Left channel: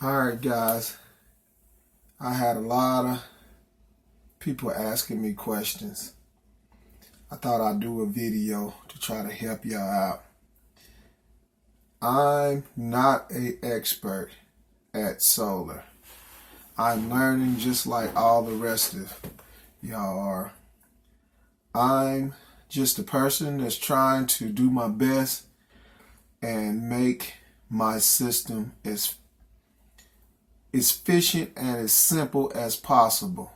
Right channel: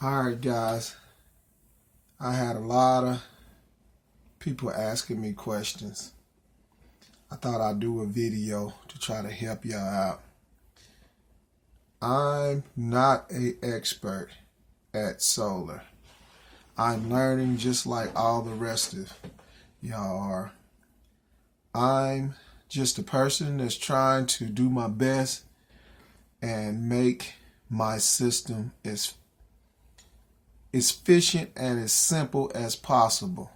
Alright guys, I had a lot of people asking me questions. I thought I'd do a video to try to help y'all out. I'm not an expert at solar. I'm learning just like all the rest of y'all are. I'm just a person that's trying to do my best and make my system as efficient and as simple as possible.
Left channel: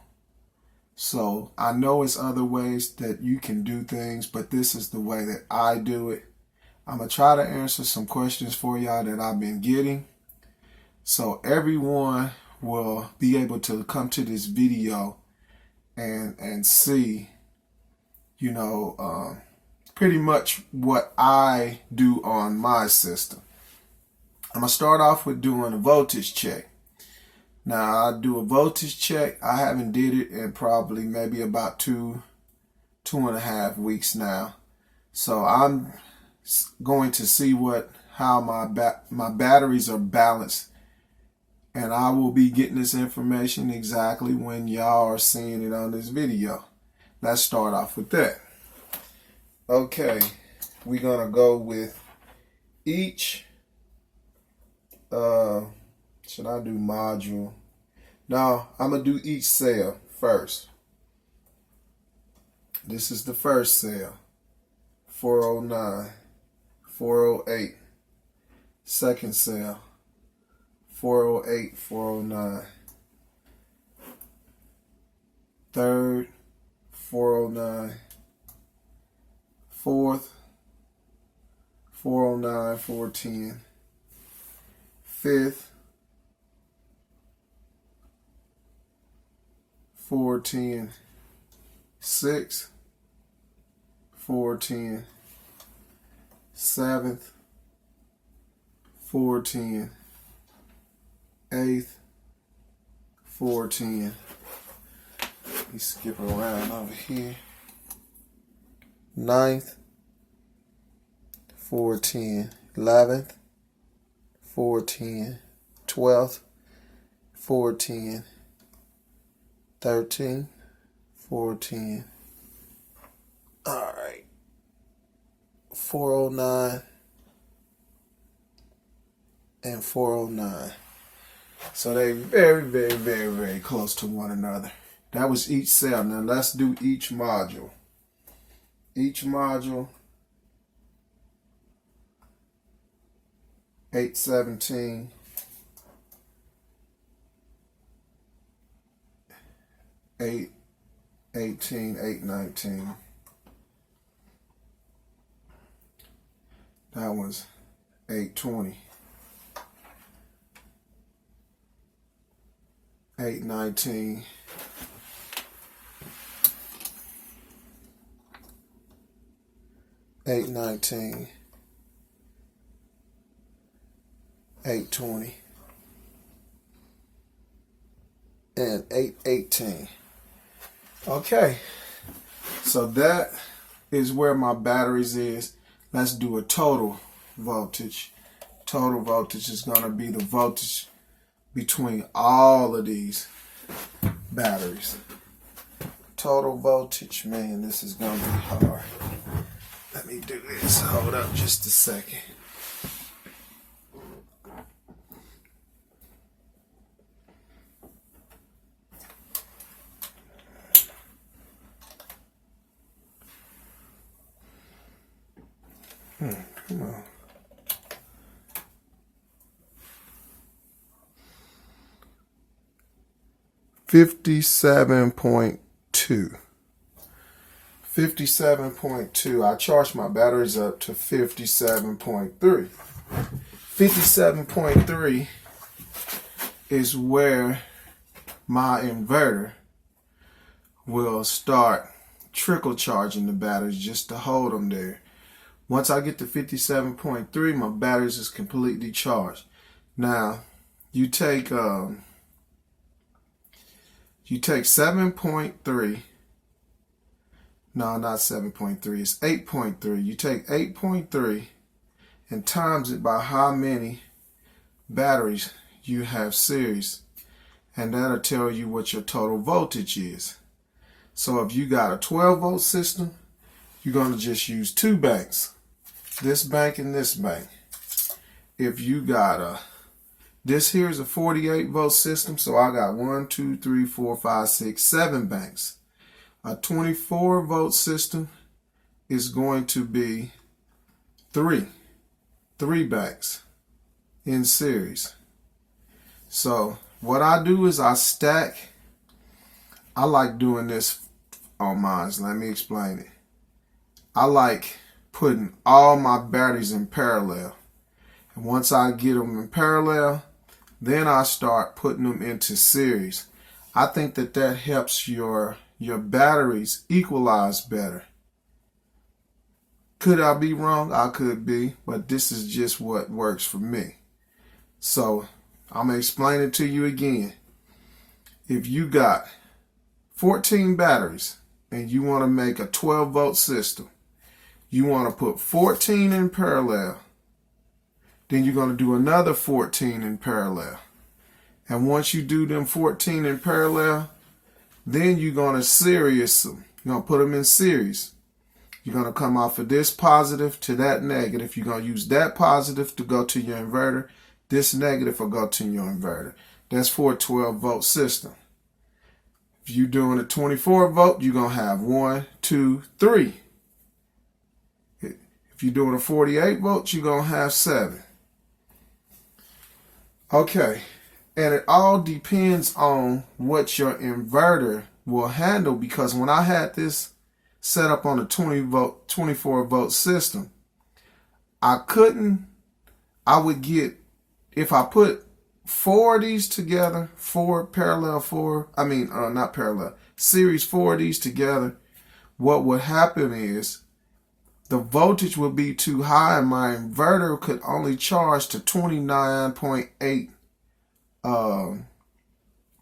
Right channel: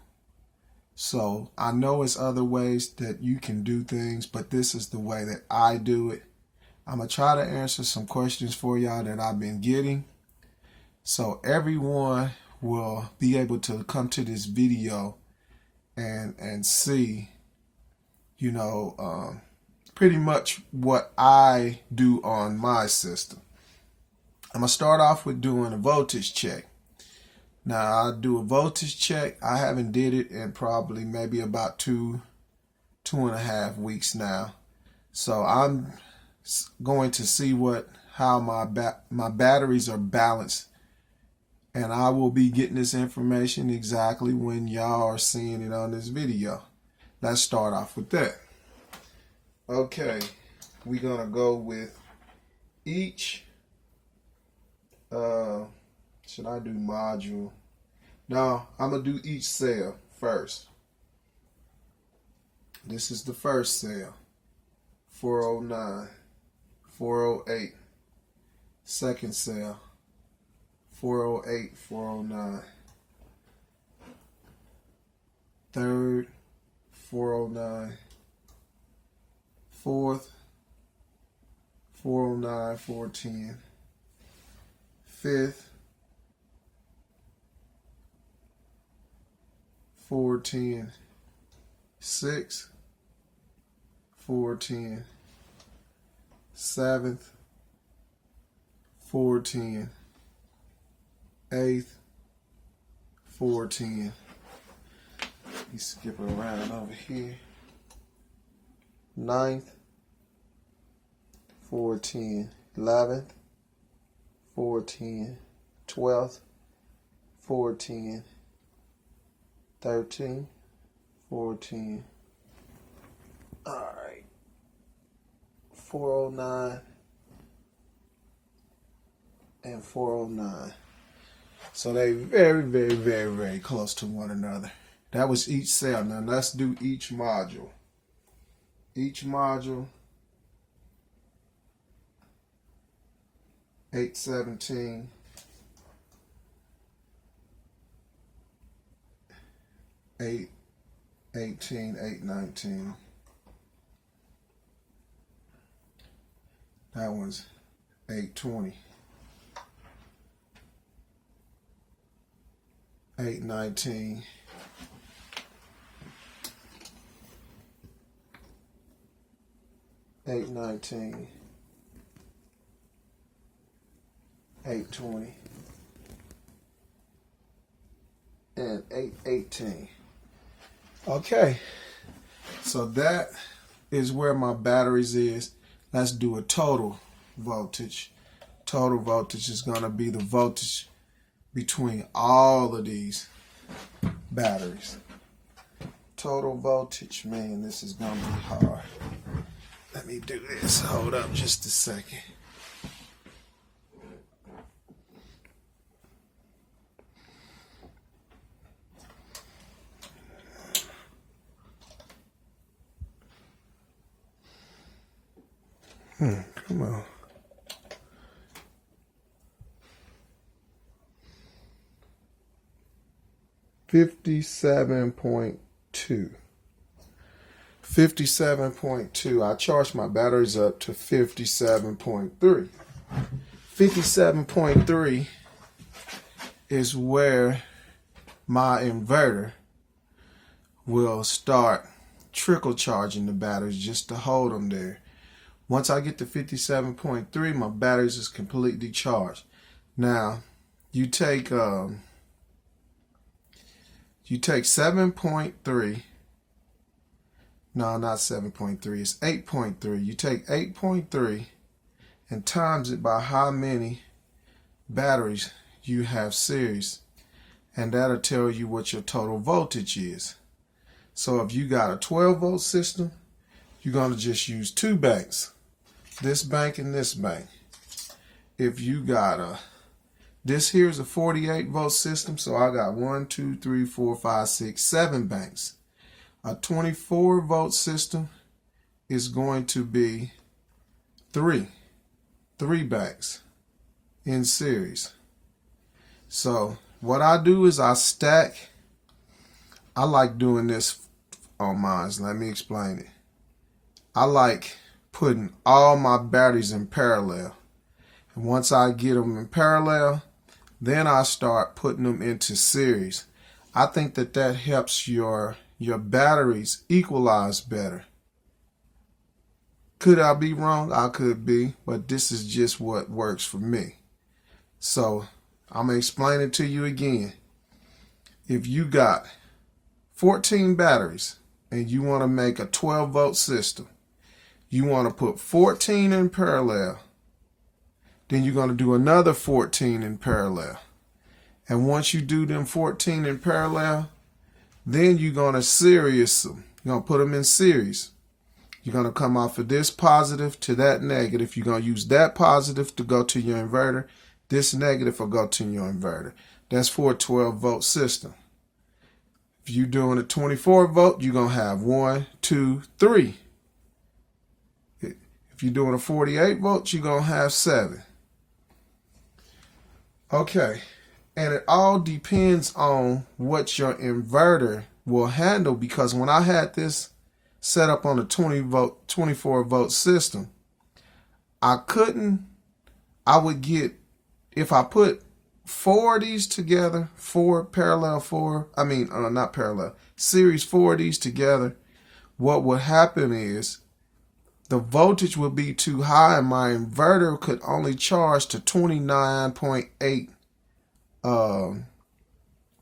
So I know it's other ways that you can do things, but this is the way that I do it. I'm going to try to answer some questions for y'all that I've been getting, so everyone will be able to come to this video and see, pretty much what I do on my system. I'm going to start off with doing a voltage check. Now, I do a voltage check. I haven't did it in probably maybe about two and a half weeks now. So I'm going to see how my batteries are balanced, and I will be getting this information exactly when y'all are seeing it on this video. Let's start off with that. Okay, we're gonna go with each. Should I do module? No, I'm going to do each cell first. This is the first cell. 409, 408. Second cell. 408, 409. Third, 409. Fourth, 409, 410. Fifth, 410, 6th, 410, 7th, 410, 8th, 410. Let me skip around over here. 9th, 410, 11th, 410, 12th, 410, 13, 410. Alright. 409 and 409. So they very, very, very, very close to one another. That was each cell. Now let's do each module. Each module, 817, 818, 819. That was 820. 819. 819. 820. And 818. Okay, so that is where my batteries is. Let's do a total voltage. Total voltage is going to be the voltage between all of these batteries. Total voltage, man, this is going to be hard. Let me do this. Hold up just a second. Come on. $57.2. 57.2. I charged my batteries up to 57.3. 57.3 is where my inverter will start trickle charging the batteries just to hold them there. Once I get to 57.3, my batteries is completely charged. Now, you take 7.3. No, not 7.3. It's 8.3. You take 8.3 and times it by how many batteries you have series, and that'll tell you what your total voltage is. So if you got a 12-volt system, you're going to just use two banks, this bank and this bank. If you got this here is a 48-volt system, so I got 1, 2, 3, 4, 5, 6, 7 banks. A 24-volt system is going to be three banks in series. So what I do is I stack. I like doing this on mine. Let me explain it. I like putting all my batteries in parallel. And once I get them in parallel, then I start putting them into series. I think that helps your batteries equalize better. Could I be wrong? I could be, but this is just what works for me. So I'm going to explain it to you again. If you got 14 batteries and you want to make a 12-volt system, you want to put 14 in parallel. Then you're going to do another 14 in parallel. And once you do them 14 in parallel, then you're going to series them. You're going to put them in series. You're going to come off of this positive to that negative. You're going to use that positive to go to your inverter. This negative will go to your inverter. That's for a 12-volt system. If you're doing a 24-volt, you're going to have 1, 2, 3. If you're doing a 48-volt, you're going to have 7. Okay, and it all depends on what your inverter will handle, because when I had this set up on a 24-volt system, I would get, if I put 4 of these together, series 4 of these together, what would happen is the voltage would be too high and my inverter could only charge to 29.8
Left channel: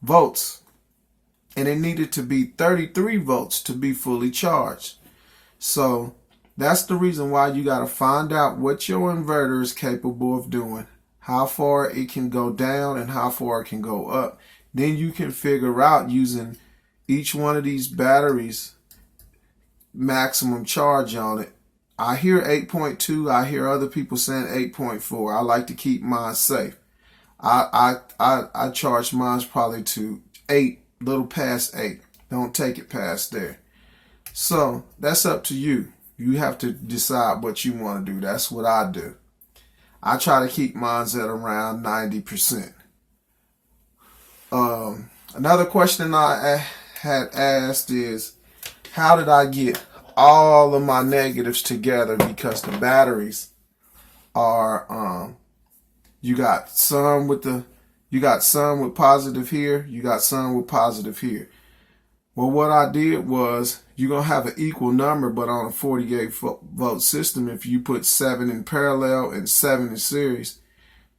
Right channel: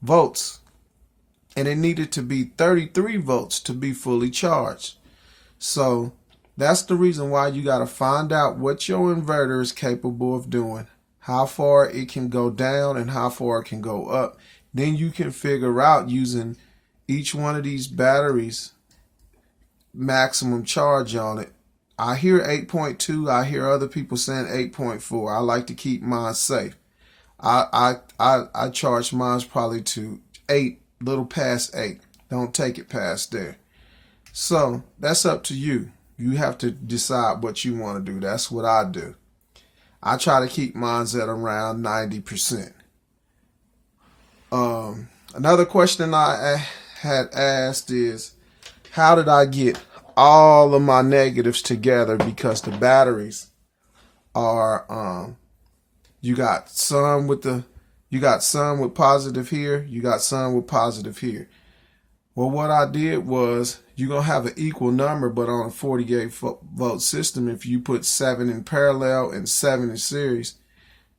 volts. And it needed to be 33 volts to be fully charged. So that's the reason why you got to find out what your inverter is capable of doing, how far it can go down and how far it can go up. Then you can figure out, using each one of these batteries, maximum charge on it. I hear 8.2. I hear other people saying 8.4. I like to keep mine safe. I charge mine probably to 8, little past 8. Don't take it past there. So that's up to you. You have to decide what you want to do. That's what I do. I try to keep mine at around 90%. Another question I had asked is, how did I get all of my negatives together? Because the batteries are, you got some with positive here, you got some with positive here. Well, what I did was, you're going to have an equal number, but on a 48-volt system, if you put 7 in parallel and 7 in series,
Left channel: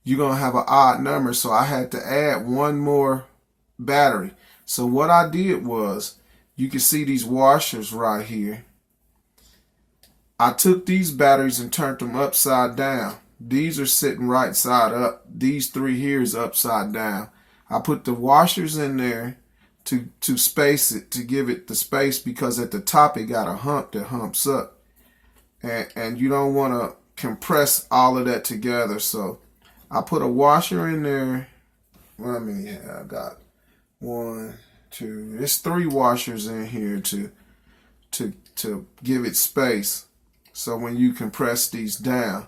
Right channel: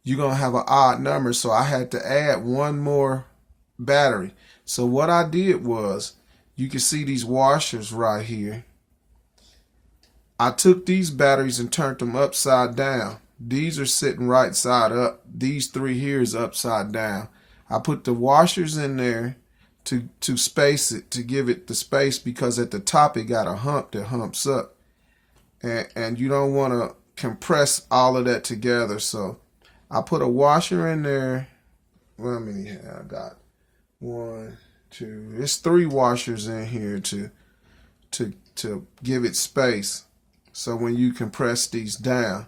you're going to have an odd number. So I had to add one more battery. So what I did was, you can see these washers right here. I took these batteries and turned them upside down. These are sitting right side up. These 3 here is upside down. I put the washers in there to space it, to give it the space, because at the top it got a hump that humps up. And you don't want to compress all of that together. So I put a washer in there. Let me, I got 1, 2, there's 3 washers in here to give it space. So when you compress these down,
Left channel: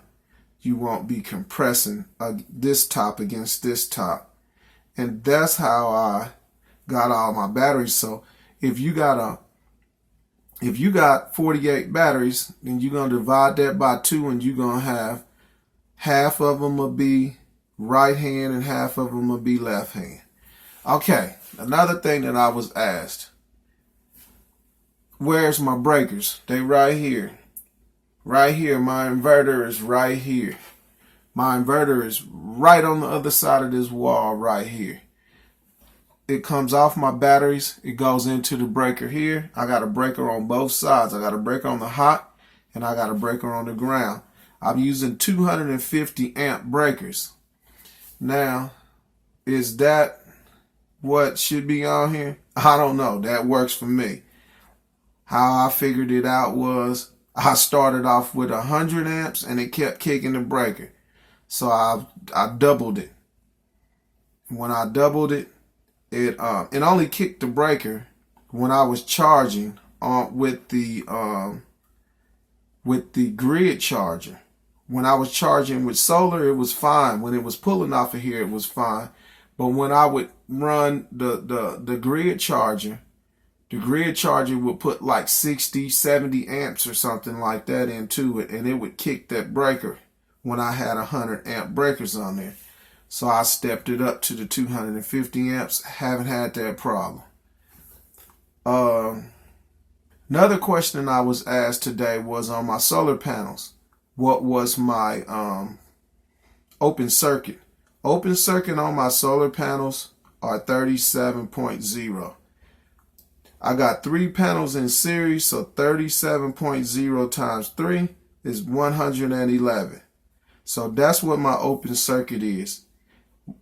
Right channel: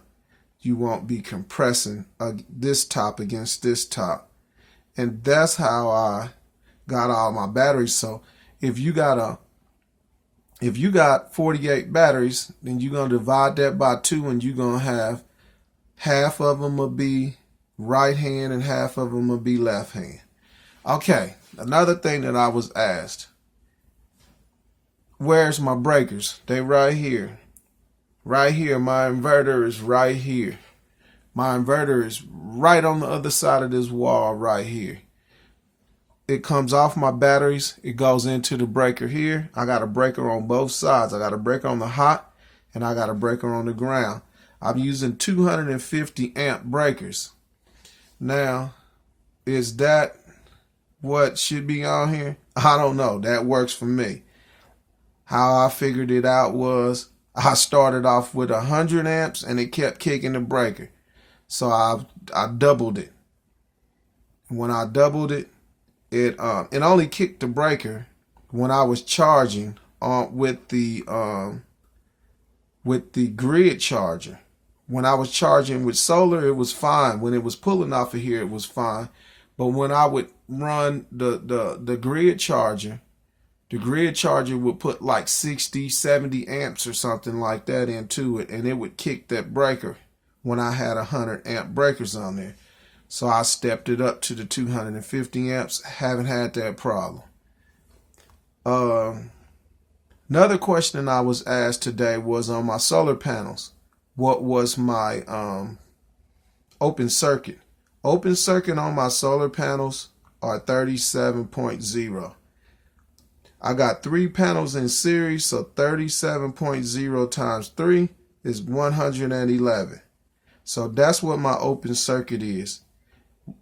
you won't be compressing this top against this top. And that's how I got all my batteries. So if you got 48 batteries, then you're going to divide that by 2, and you're going to have half of them will be right hand and half of them will be left hand. Okay, another thing that I was asked, where's my breakers? They right here. Right here. My inverter is right here. My inverter is right on the other side of this wall right here. It comes off my batteries. It goes into the breaker here. I got a breaker on both sides. I got a breaker on the hot and I got a breaker on the ground. I'm using 250 amp breakers. Now, Is that what should be on here? I don't know. That works for me. How I figured it out was I started off with 100 amps and it kept kicking the breaker. So I doubled it. When I doubled it, it only kicked the breaker when I was charging with the grid charger. When I was charging with solar, it was fine. When it was pulling off of here, it was fine. But when I would run the grid charger, the grid charger would put like 60, 70 amps or something like that into it, and it would kick that breaker when I had 100 amp breakers on there. So I stepped it up to the 250 amps. Haven't had that problem. Another question I was asked today was on my solar panels. What was my open circuit? Open circuit on my solar panels are 37.0. I got 3 panels in series, so 37.0 times 3 is 111. So that's what my open circuit is.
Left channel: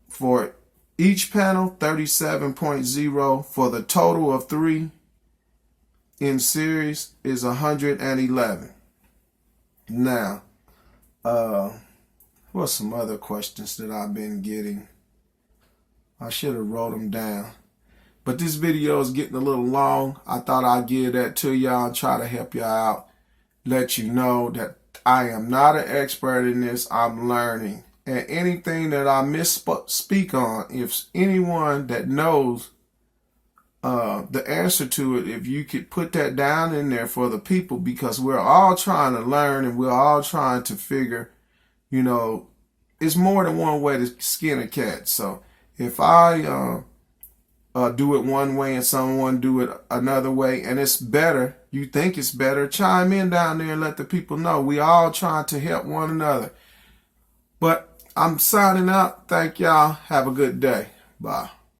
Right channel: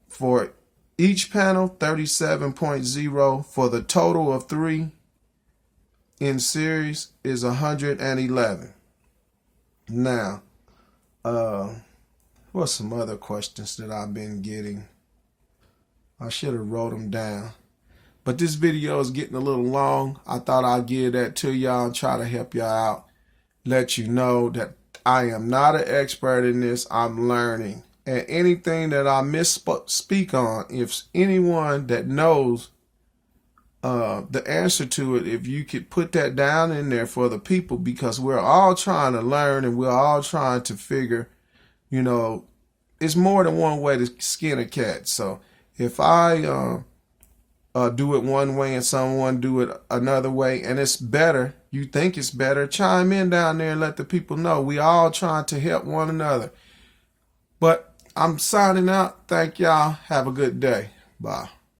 For each panel, 37.0. For the total of 3 in series is 111. Now, what's some other questions that I've been getting? I should have wrote them down. But this video is getting a little long. I thought I'd give that to y'all and try to help y'all out. Let you know that I am not an expert in this. I'm learning. And anything that I misspeak on, if anyone that knows the answer to it, if you could put that down in there for the people, because we're all trying to learn and we're all trying to figure, it's more than one way to skin a cat. So if I do it one way and someone do it another way and it's better, you think it's better, chime in down there and let the people know. We all trying to help one another. But I'm signing out. Thank y'all. Have a good day. Bye.